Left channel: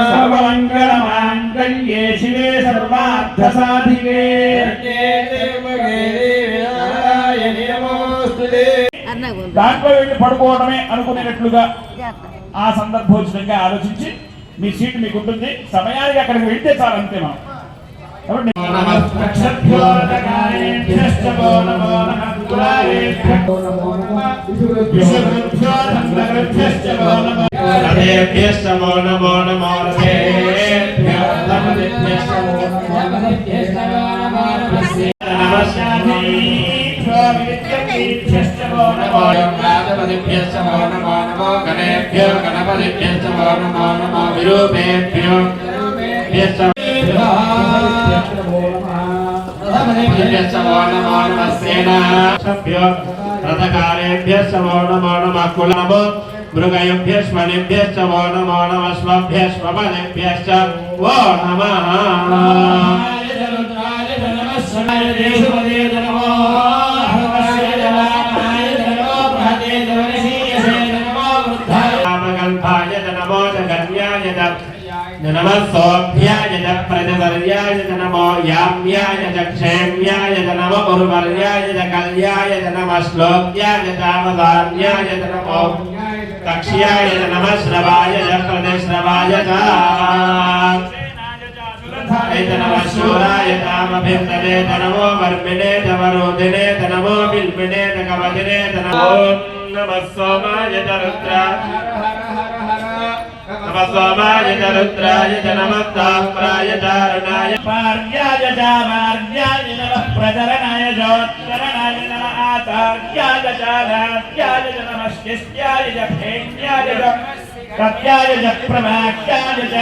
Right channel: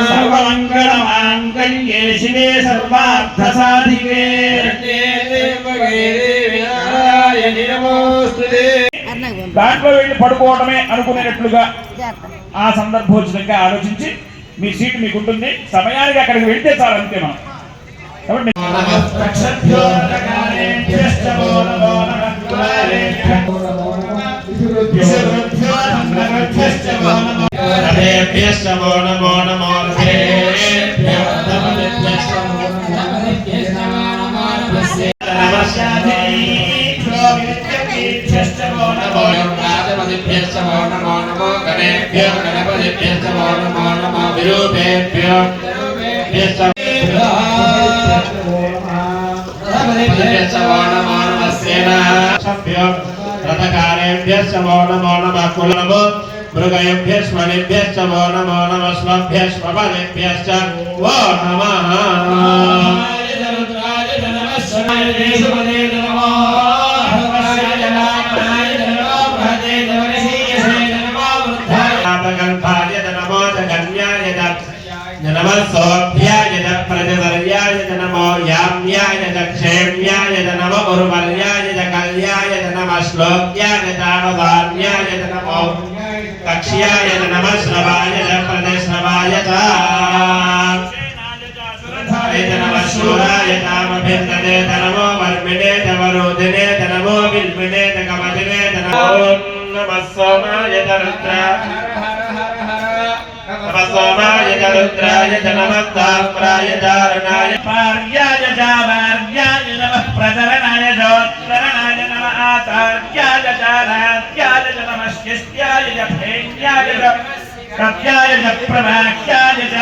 सर्वमङ्गलमाङ्गल्ये शिवे सर्वार्थसाधिके దాంట్లో వెళ్ళి పడుకోవడమే అనుకునేటట్లుగా ఆ సందర్భోచితంగా ఆలోచించి మీ సీట్ మీకు ఉంటుంది సమయానికి అక్కడికి వెళ్తే చాలు అంతే మనం కాబట్టి వో నమో నమో విరూపేభ్యో భ్యశ్చ రథపతిభ్యశ్చ నమో నమః సేనాభ్యో కులనమో మృగయేభ్యశ్వనిభ్యశ్చ వో నమో నమః స్వభ్యశ్వపదేభ్యశ్చ వో నమ ప్రజవర్యాయ నమో యామ్యాయ క్షేమ్యాయ నమ ఉర్వర్యాయ కళ్యాయ నమ శ్లోక్యాయ అవధాన్యాయ నమో శ్రవాయ ప్రజశ్రవాయ నమ శూరాయ నామభిర్నదే నమో వర్మిణే వరుదినే నమో బిల్మినే కమదినే నమో నమ సోమాయ రుద్రాయ నమ సోమాయ చ రుద్రాయ చ నమ తామ్రాయ చారుణాయ పార్యాయ చామార్యాయ నమః ప్రచరణాయ చోత్తరణాయ నమ ఆచార్యాయ చారాధ్యాయ చ నమః శిష్యాయ చ భేన్యాయ చ ప్రత్యాయ చ ప్రవాక్యాయ చ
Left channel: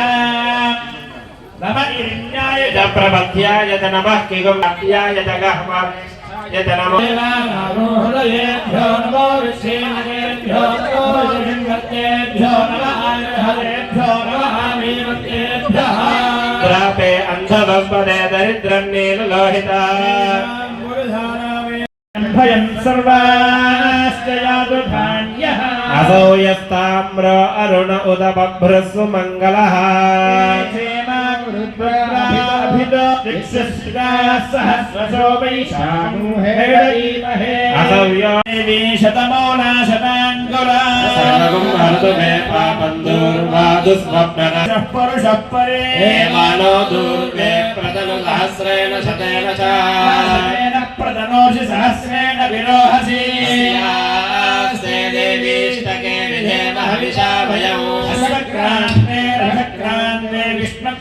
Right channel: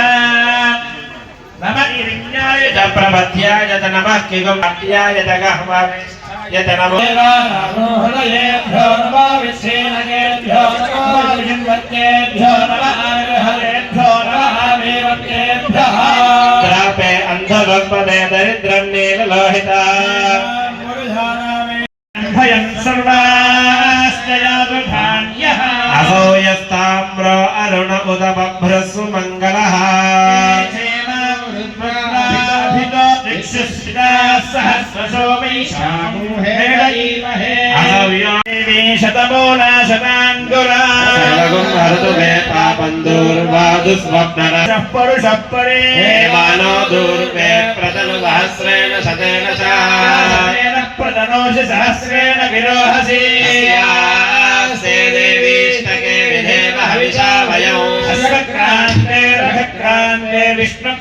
నమ ఇరిణ్యాయ చ చ ప్రపద్యాయ చ నమః కిగుంభ్యాయ చ గహ్వాయ చ నమో హృదయేభ్యో నమో విశ్వేనకేభ్యో నమో విష్ణువర్గేభ్యో నమ ఆగ్రహేభ్యో నమ ఆమేవత్యేభ్యః ద్రాపే అంధవస్పదే దరిద్రం నీలలోహిత అరుణ ఉదబభ్రస్సు మంగళః సర్వం హరతు మే పాపం దూర్వాదు స్వప్నన హే మానో దూర్మే ప్రతను సహస్రేణ శతేన చ సహస్రేణ విరోహసి యస్యాస్తే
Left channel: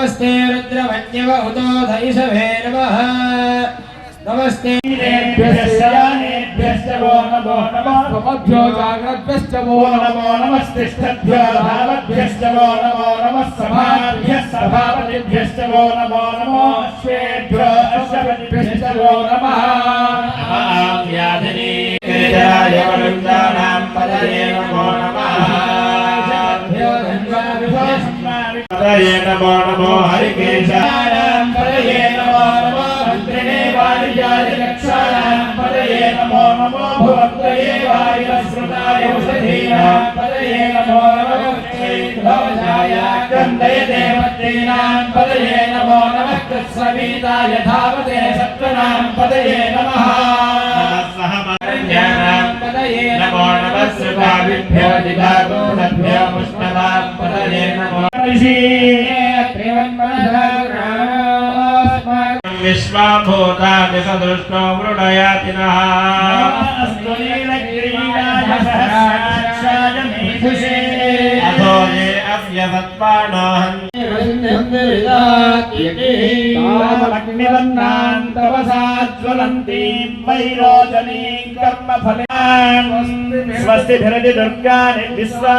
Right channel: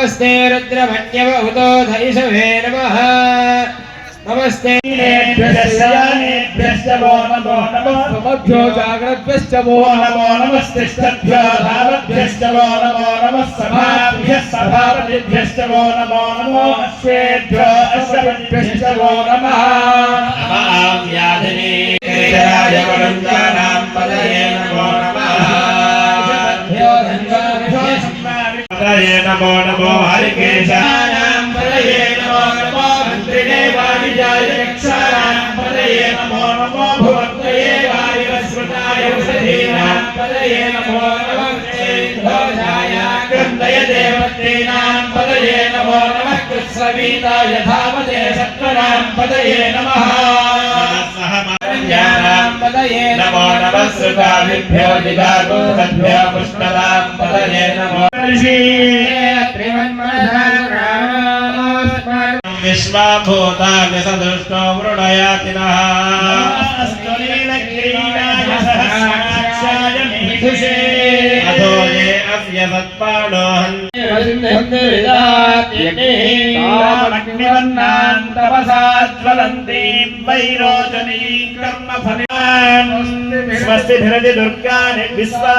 नमस्ते रुद्रमन्यवहुतो धैषवे नमः नमस्ते मुखभ्यो जाग्रभ्यश्च वो नमो नमस्तिष्ठभ्यो भावभ्यश्च वो नमो नमः सभाभ्यः सभापतिभ्यश्च वो नमो नमो हरिकेशानां परये नमो नमो मन्त्रिणे वाणिजायक्षाणां परये नमो नमो भुवक्तये वायुवस्मृताय वसधीनां परये नमो नमः देवतेनां पदये नमो नमः कृत्सवीता यथावते सत्त्वनां पदये नमः ज्ञानां पदये नमो नमः सुखाभिभ्यो जिधातो सद्भ्यो पुष्टदां पदये नमो ऋषि विश्वाभूताभिसदृष्टो वृणयाति नः अथो ये अव्यसत्पाणो हन्तिवन्नान् तपसा ज्वलन्तीं वैरोचनीं कर्मफले स्वस्तिभिरति दुर्गाणि विश्वा